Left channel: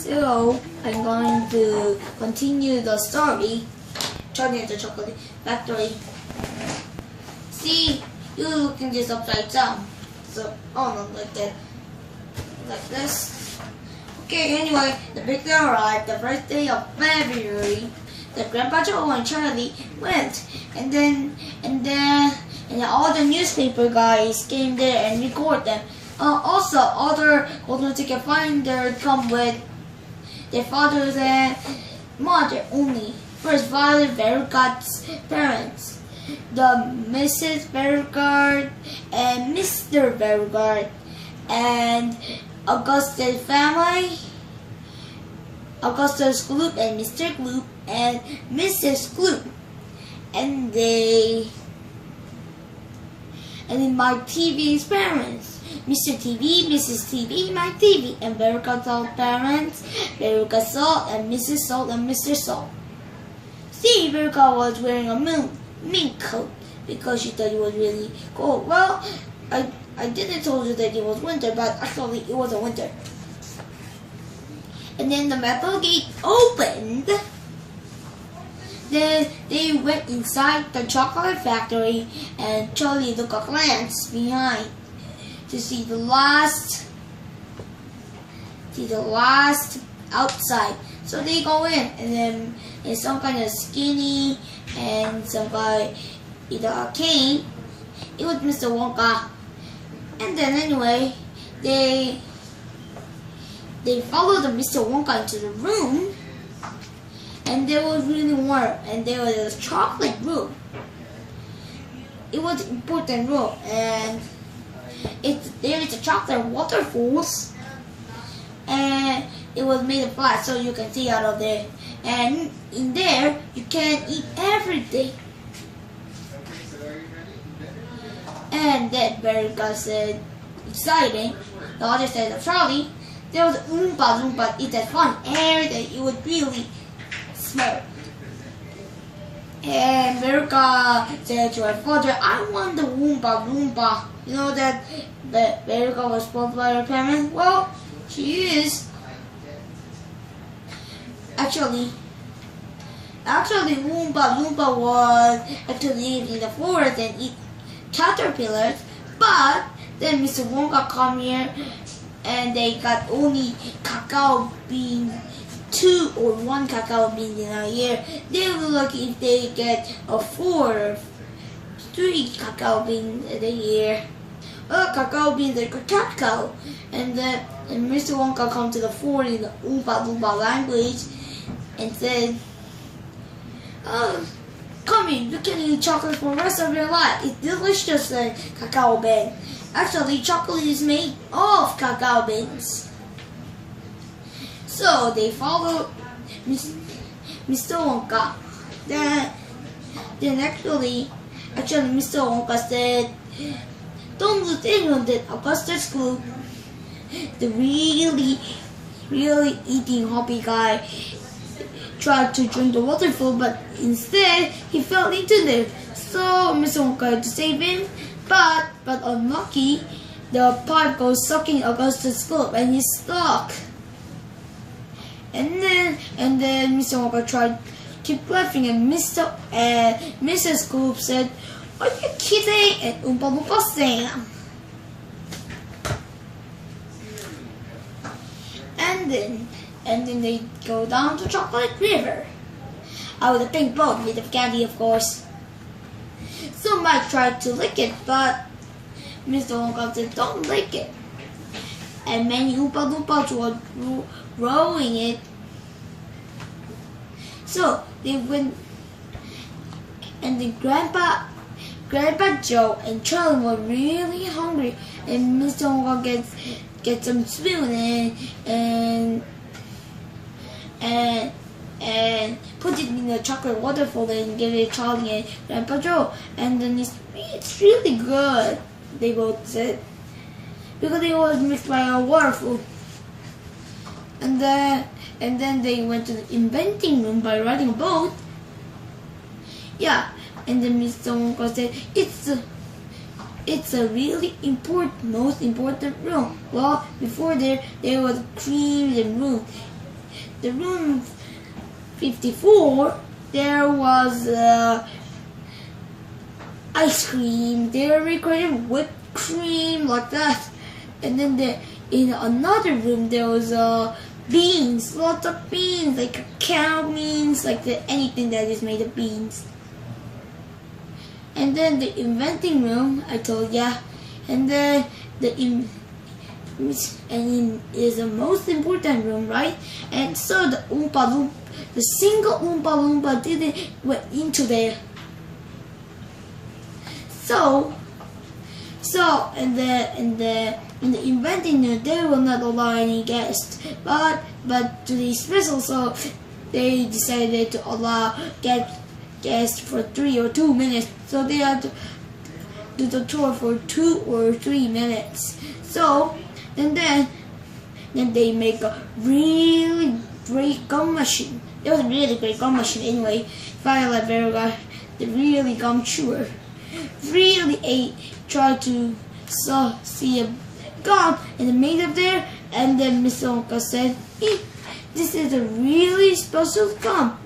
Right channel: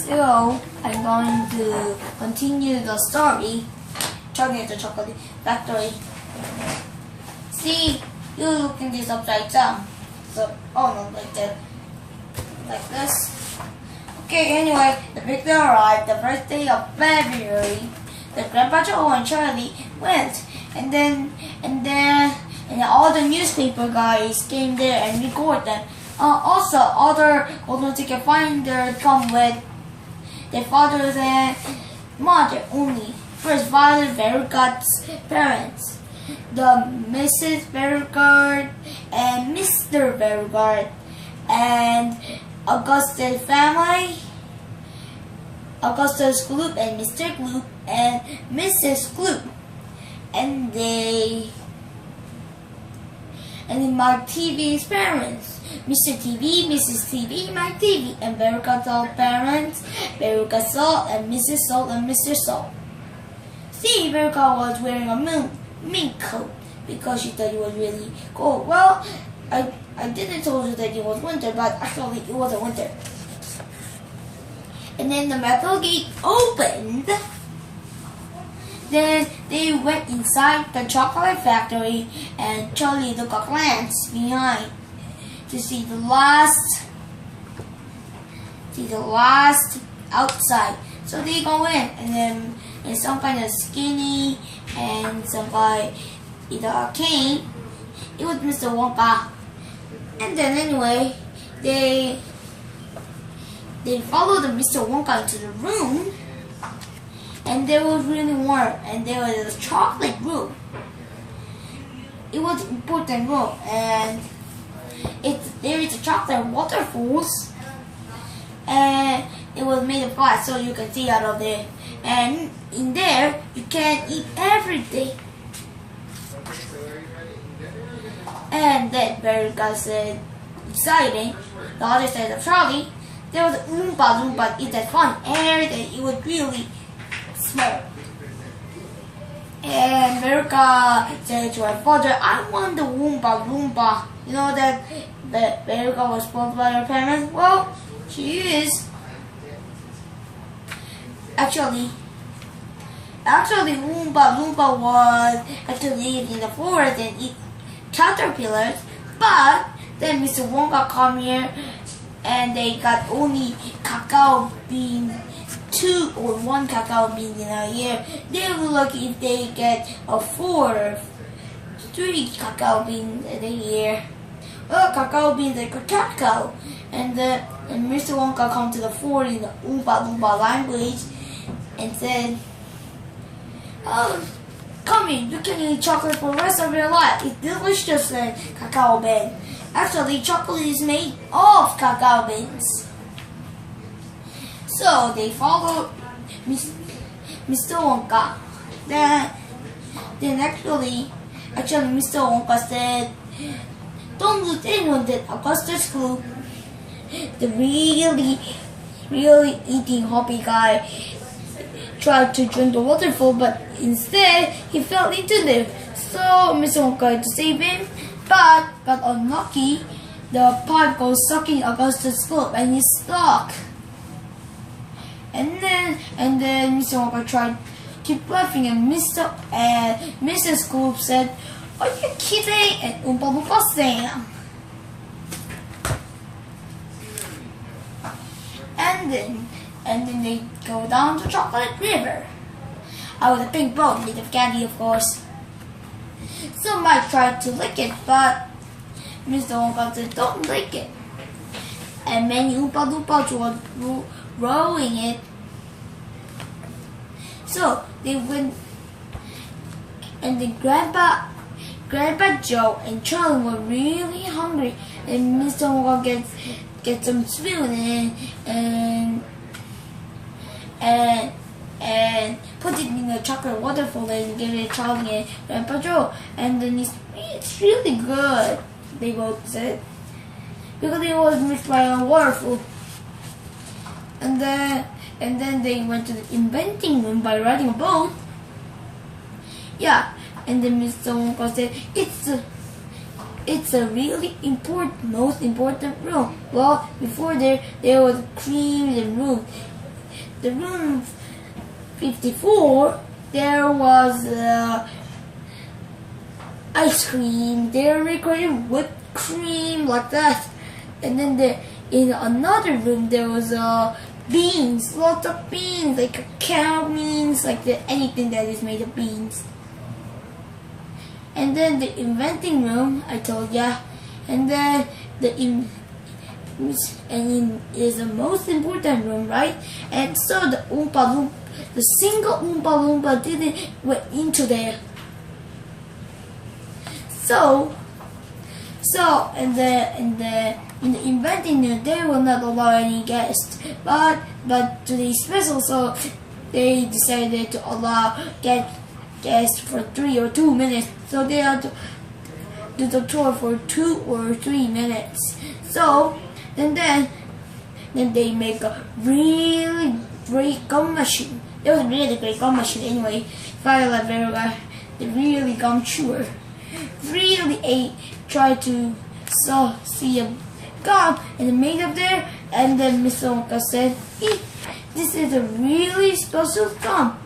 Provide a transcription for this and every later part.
So I'm going to continue the story. Charlie and the Chocolate Factory. See, you looking this upside down. So, oh no, like that, like this. Okay, anyway, the big day arrived the first day of February. The Grandpa Joe and Charlie went, and then all the newspaper guys came there and record them. Also, other golden ticket finder come with their fathers and mother only. First, Father Beauregard's parents, the Mrs. Beauregard and Mr. Beauregard, and Augustus family, Augustus Gloop and Mr. Gloop and Mrs. Gloop, and then Mike TV's parents, Mr. TV, Mrs. TV, Mike TV, and Beauregard's all parents, Beauregard Salt and Mrs. Salt and Mr. Salt. See, Beauregard was wearing a mink coat because she thought it was really cold. Well, I didn't tell you that it was winter, but actually it wasn't winter. And then the metal gate opened. Then they went inside the chocolate factory, and Charlie took a glance behind to see the last outside. So they go in, and then there's some kind of skinny and some guy with a cane. It was Mr. Wonka. And then anyway, they followed Mr. Wonka into the room, and there was really warm, and there was a chocolate room. It was an important room, and there is a chocolate waterfalls, and it was made of glass, so you can see out of there. And in there, you can eat everything. And then Beauregard said, exciting. The other side of Charlie, there was Oompa Loompa. It had fun air that it would really smell. And Beauregard said to her father, I want the Oompa Loompa. You know that Beauregard was spoiled by her parents? Well, she is. Actually, Oompa Loompa was actually in the forest and eat caterpillars, but then Mr. Wonka come here and they got only cacao bean, 2 or 1 cacao bean in a year. They will be lucky if they get a 4 or 3 cacao beans in a year. Cacao beans like a cacao. And Mr. Wonka come to the fort in the Oompa Loompa language and said, come in, you can eat chocolate for the rest of your life. It's delicious like cacao bean. Actually, chocolate is made of cacao beans. So they followed Mr. Wonka. Then actually Mr. Wonka said, don't lose anyone that Augustus Gloop, the really eating happy guy, tried to drink the waterfall, but instead he fell into them. So Mr. Wonka had to save him, but unlucky, the pipe goes sucking Augustus Gloop and he's stuck. And then Mr. Wonka tried to keep laughing, and Mrs. Gloop said, are you kidding? And Oompa Loompa said. And then they go down to Chocolate River. Out with a pink boat made of candy, of course. So Mike tried to lick it, but Mr. Wonka said, don't lick it. And many Oompa Loompas were rowing it. So they went, and then Grandpa Joe and Charlie were really hungry, and Mr. Wonka get some spoon and put it in the chocolate waterfall and give it to Charlie and Grandpa Joe, and then it's really good, they both said, because it was mixed by a waterfall. And then they went to the inventing room by riding a boat. Yeah, and then Mr. Wonka said, it's a really most important room. Well, before there was creams and room. the room 54, there was ice cream, dairy cream, whipped cream, like that. And then in another room there was beans, lots of beans, like cow beans, like anything that is made of beans. And then the inventing room, I told ya, and then is the most important room, right? And so the Oompa Loompa, the single Oompa Loompa didn't went into there. So in the inventing room, they will not allow any guests, but today's special, so they decided to allow guests for 3 or 2 minutes. So they had to do the tour for 2 or 3 minutes. So and then they make a really great gum machine. It was a really great gum machine anyway. Violet Verga, the really gum chewer, really tried to see a gum and made up there, and then Mr. Wonka said, this is a really special gum.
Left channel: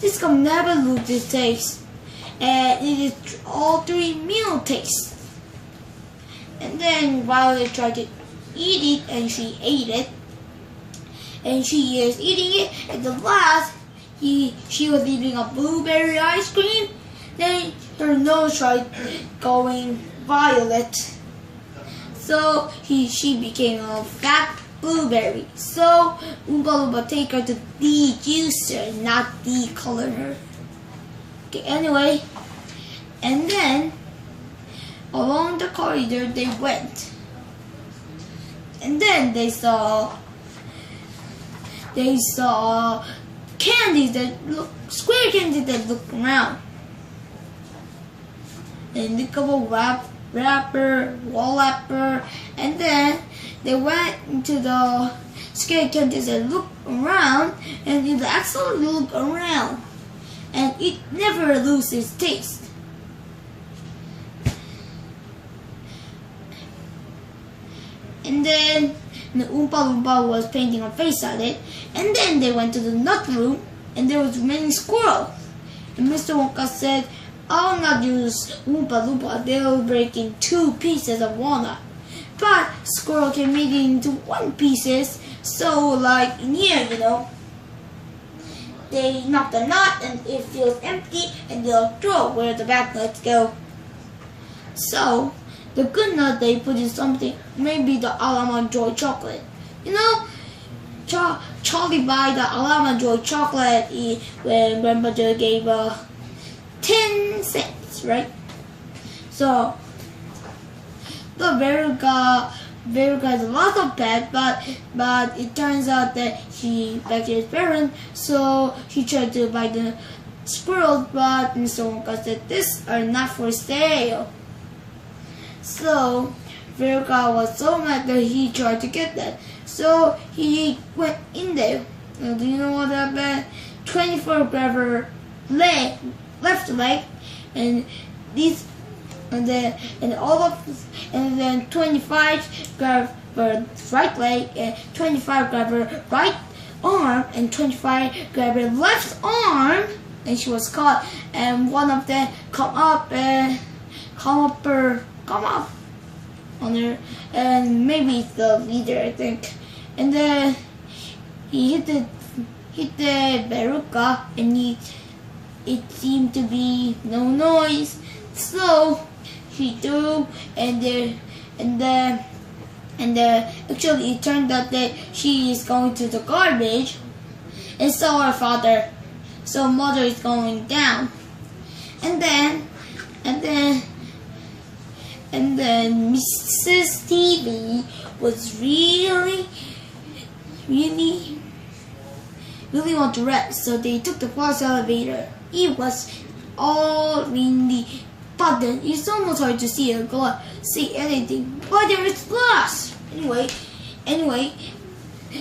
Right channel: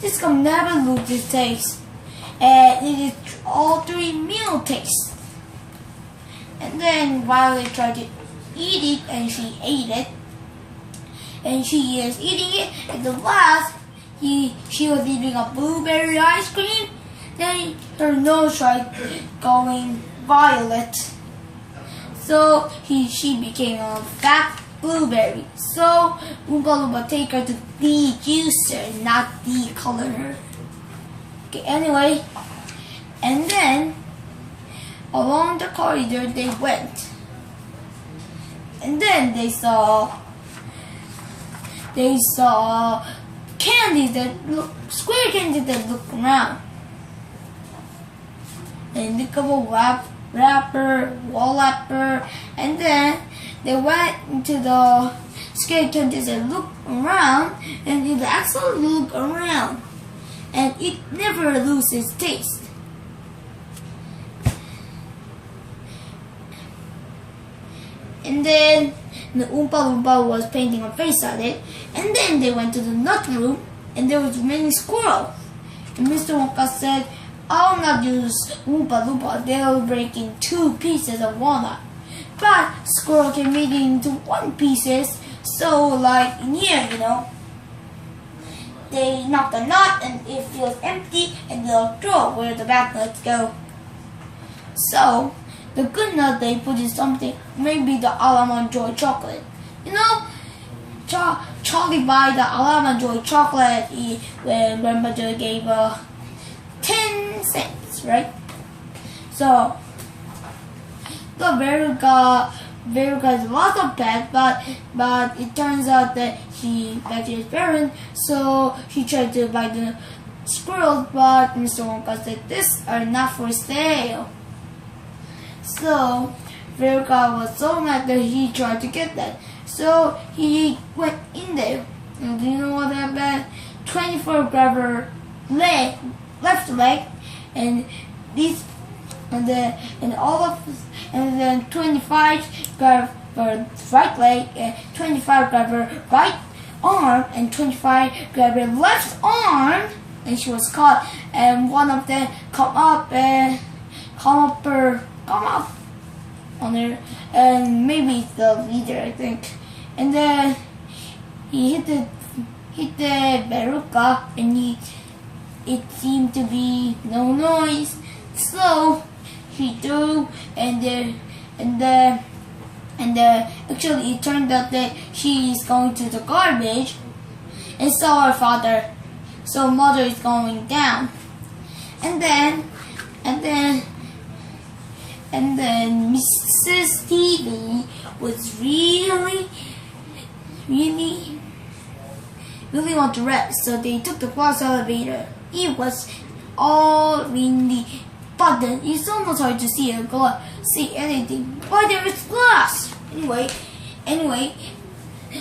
This gum never loses taste, and it is all 3 meal taste. And then Violet tried to eat it, and she ate it, and she is eating it. At the last, she was eating a blueberry ice cream. Then her nose tried going violet, so she became a fat blueberry. So Oompa Loompa take her to de-juice her, not de-color her. Okay, anyway, and then along the corridor they went, and then they saw candies that look square candies that look round. And they got a wrapper, wall wrapper, and then they went into the square candies that look around, and it actually look around, and it never loses taste. And then the Oompa Loompa was painting a face at it, and then they went to the nut room, and there was many squirrels. And Mr. Wonka said, I'll not use Oompa Loompa, they'll break in 2 pieces of walnut. But squirrel can make it into 1 pieces, so like in here, they knock the nut and it feels empty, and they'll throw where the bad nuts go. So the good nut they put in something, maybe the Almond Joy chocolate. Charlie buy the Almond Joy chocolate when Grandpa Joy gave 10 cents, right? So the Verga has lots of pets, but it turns out that she back to his parents, so she tried to buy the squirrels, but Mr. Wonka said these are not for sale. So Verga was so mad that he tried to get that. So he went in there. And do you know what happened? 24 grabbed her left leg, and then 25 grabbed her right leg, and 25 grabbed her right arm, and 25 grabbed her left arm, and she was caught. And one of them come up on her, and maybe it's the leader, I think. And then he hit the Veruca, and it seemed to be no noise. So she threw, and actually it turned out that she is going to the garbage and saw her father. So mother is going down, and then Mrs. TV was really want to rest, so they took the glass elevator. It was all really button. It's almost hard to see anything, but there is glass. Anyway,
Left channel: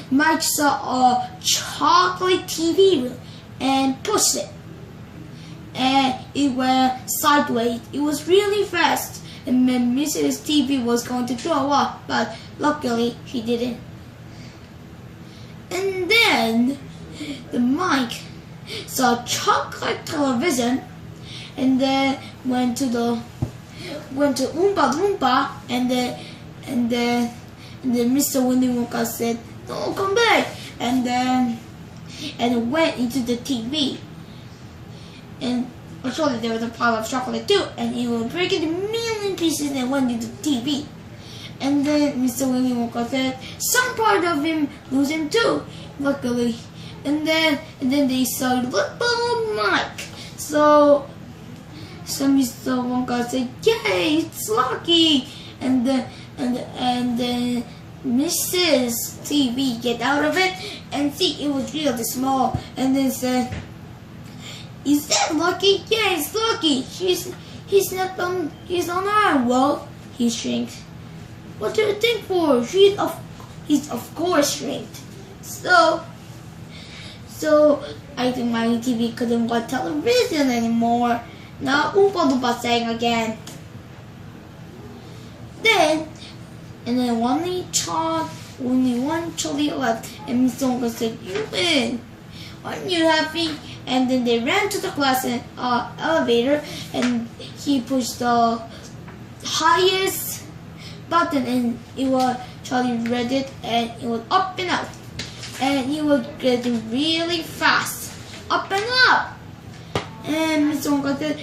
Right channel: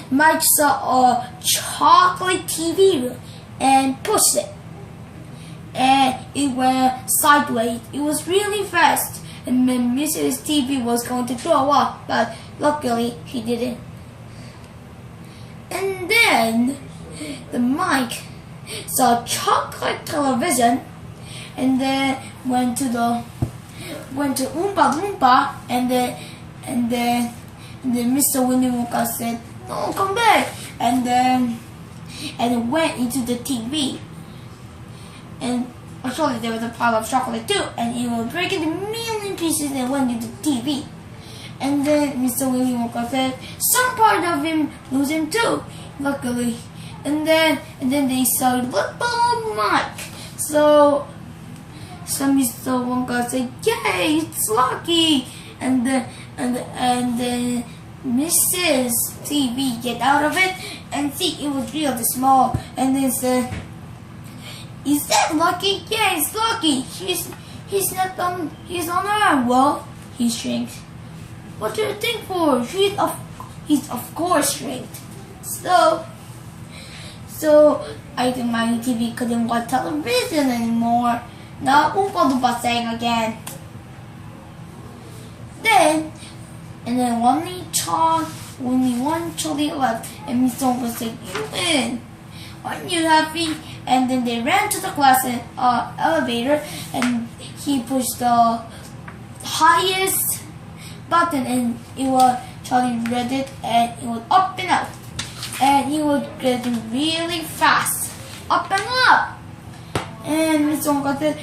Mike saw a chocolate TV and pushed it, and it went sideways. It was really fast, and then Mrs. TV was going to throw up, but luckily she didn't. And then the Mike saw chocolate television, and then went to Oompa Loompa, and then Mr. Willy Wonka said, "No, come back," and went into the TV, and actually there was a pile of chocolate too, and it will break into a million pieces and went into the TV. And then Mr. Willy Wonka said some part of him lose him too, luckily. And then they saw little Mike. So Mr. Wonka said, "Yay, it's lucky!" And then Mrs. TV get out of it and see it was really small, and then said, "Is that lucky?" "Yeah, it's lucky. He's on her." "Well, he shrinked." "What do you think for? He's of course shrinked." So I think my TV couldn't watch television anymore. Now Oompa Loompa sang again. Then only one Charlie left, and Miss Wonka said, "You win. Aren't you happy?" And then they ran to the class elevator, and he pushed the highest button, and Charlie read it, and it was up and out, and he was getting really fast, up and up. And Miss Wonka said,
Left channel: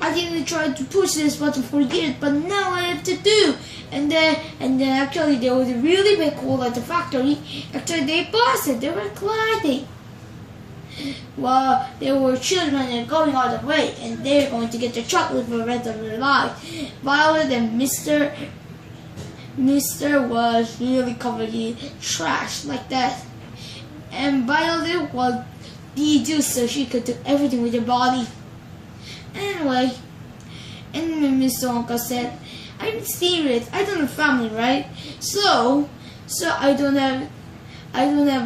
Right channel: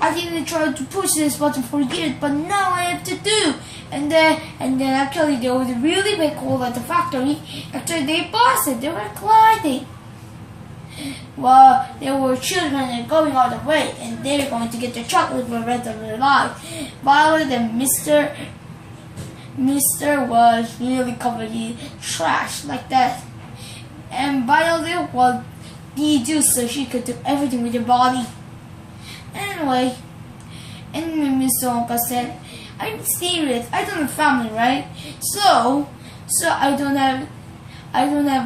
"I didn't try to push this button for years, but now I have to do." And then actually there was a really big hole at the factory. Actually they busted, they were gliding. Well, there were children going all the way, and they were going to get the chocolate for the rest of their lives. Violet and Mr. was really covered in trash like that. And Violet was de-juiced so she could do everything with her body. Anyway, and Mr. Wonka said, "I'm serious. I don't have family, right? So I don't have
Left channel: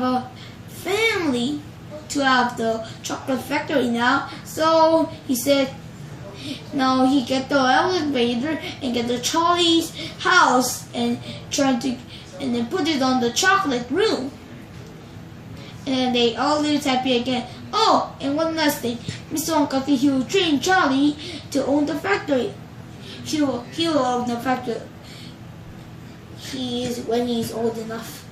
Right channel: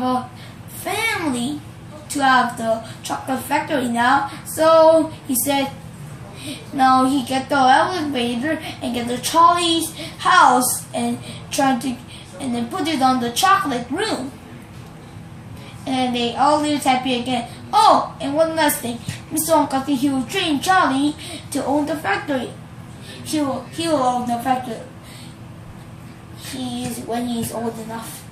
a family to have the chocolate factory now." So he said, now he get the elevator and get the Charlie's house and then put it on the chocolate room. And they all lived happy again. Oh, and one last thing. Mr. Wonka said he will train Charlie to own the factory. He will own the factory when he's old enough.